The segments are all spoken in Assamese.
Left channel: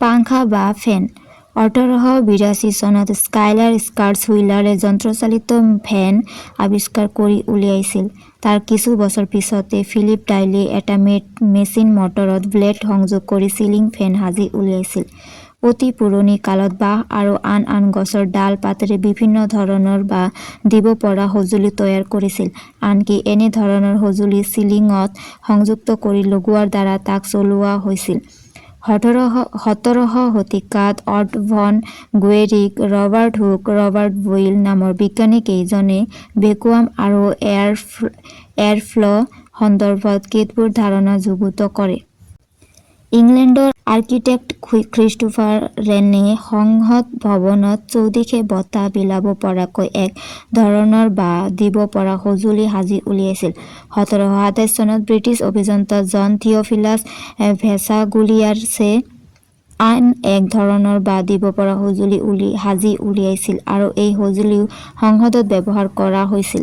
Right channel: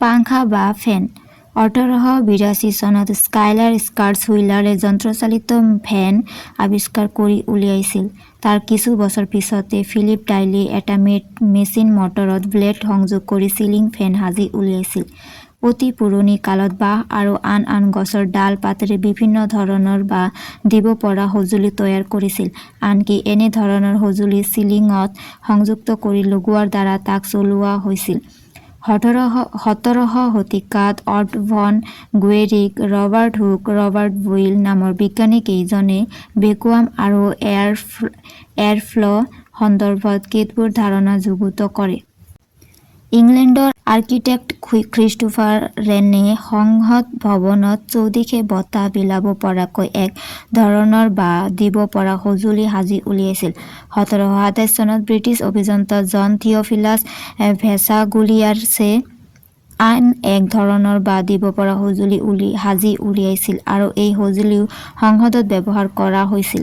পাংখা বা ফেন 1882 চনত স্কাইলাৰ স্কাৰ্টছ হুইলাৰে যন্ত্ৰচালিত ফেন আৱিষ্কাৰ কৰি উলিয়াইছিল। তাৰ কিছু বছৰ পিছতে ফিলিপ ডাইলে এটা মেচিন মটৰত ব্লেড সংযোগ কৰি চিলিং ফেন সাজি উলিয়াইছিল। অতি পুৰণি কালত বাঁহ আৰু আন গছৰ ডাল পাতেৰে বিভিন্ন ধৰণৰ বা দিব পৰা সঁজুলি তৈয়াৰ কৰিছিল। আনকি এনে ধৰণৰ সঁজুলি চিলিঙত সংযুক্ত কৰি লগোৱাৰ দ্বাৰা তাক চলোৱা হৈছিল। 17শ শতিকাত অট ভন গুৱেৰিক, ৰবাৰ্ট হুক, ৰবাৰ্ট বইল নামৰ বিজ্ঞানী কেইজনে ভেকুৱাম আৰু এয়াৰফ্ল' সন্দৰ্ভত কেতবোৰ ধাৰণা যুগুত কৰে। ইংলেণ্ডৰ আৰ্কিটেক্ট খ্ৰীষ্টোফাৰ ৰেনে সংসদ ভৱনত চৌদিশে বতাহ বিলাব পৰাকৈ এক ধৰণৰ বা দিব পৰা সঁজুলি সাজি উলিয়াইছিল। 1727 চনত ব্ৰিটিছ অভিযন্তা জন থিয়ফিলাছ ভেছাগুলিয়াছে আন এক ধৰণৰ বা দিব পৰা সঁজুলি সাজি উলিয়াইছিল আৰু এই সঁজুলিও সংসদত ব্যৱহাৰ কৰা হৈছিল।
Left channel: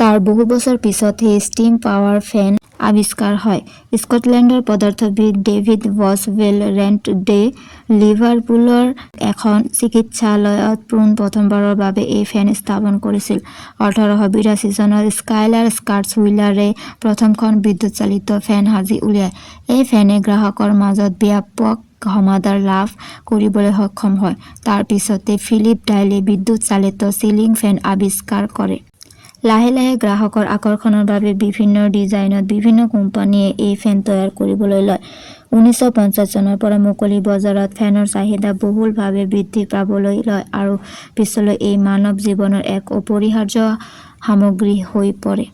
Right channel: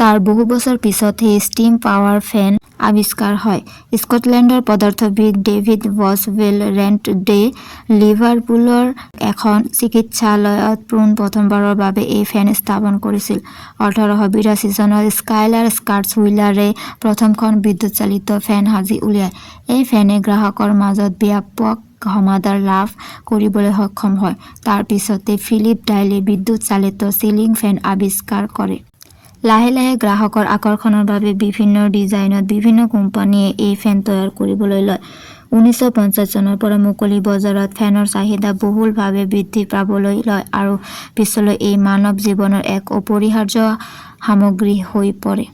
তাৰ বহু বছৰ পিছতহে ষ্টিম পাৱাৰ ফেন আৱিষ্কাৰ হয়। স্কটলেণ্ডৰ পদাৰ্থবিদ ডেভিড বছৱেল ৰেণ্টডে লিভাৰপুলৰ এখন চিকিৎসালয়ত প্ৰথমবাৰৰ বাবে এই ফেন স্থাপন কৰিছিল। 1882 চনত স্কাইলাৰ স্কাৰ্টছ হুইলাৰে প্ৰথমখন বিদ্যুৎচালিত ফেন সাজি উলিয়ায়। এই ফেনে গ্ৰাহকৰ মাজত ব্যাপক সমাদৰ লাভ কৰিবলৈ সক্ষম হয়। তাৰ পিছতে ফিলিপ ডাইলে বিদ্যুৎ চালিত চিলিং ফেন আৱিষ্কাৰ কৰে। লাহে লাহে গ্ৰাহকৰ আকৰ্ষণৰ বাবে বিভিন্ন ডিজাইনত বিভিন্ন কোম্পানীয়ে এই ফেন তৈয়াৰ কৰিবলৈ লয়। 1950 চনৰ পৰা মুকলি বজাৰত ফেনৰ চাহিদা বহুলভাৱে বৃদ্ধি পাবলৈ লয় আৰু পিছলৈ এই মানৱ জীৱনৰ এক অপৰিহাৰ্য সামগ্ৰী হৈ পৰে।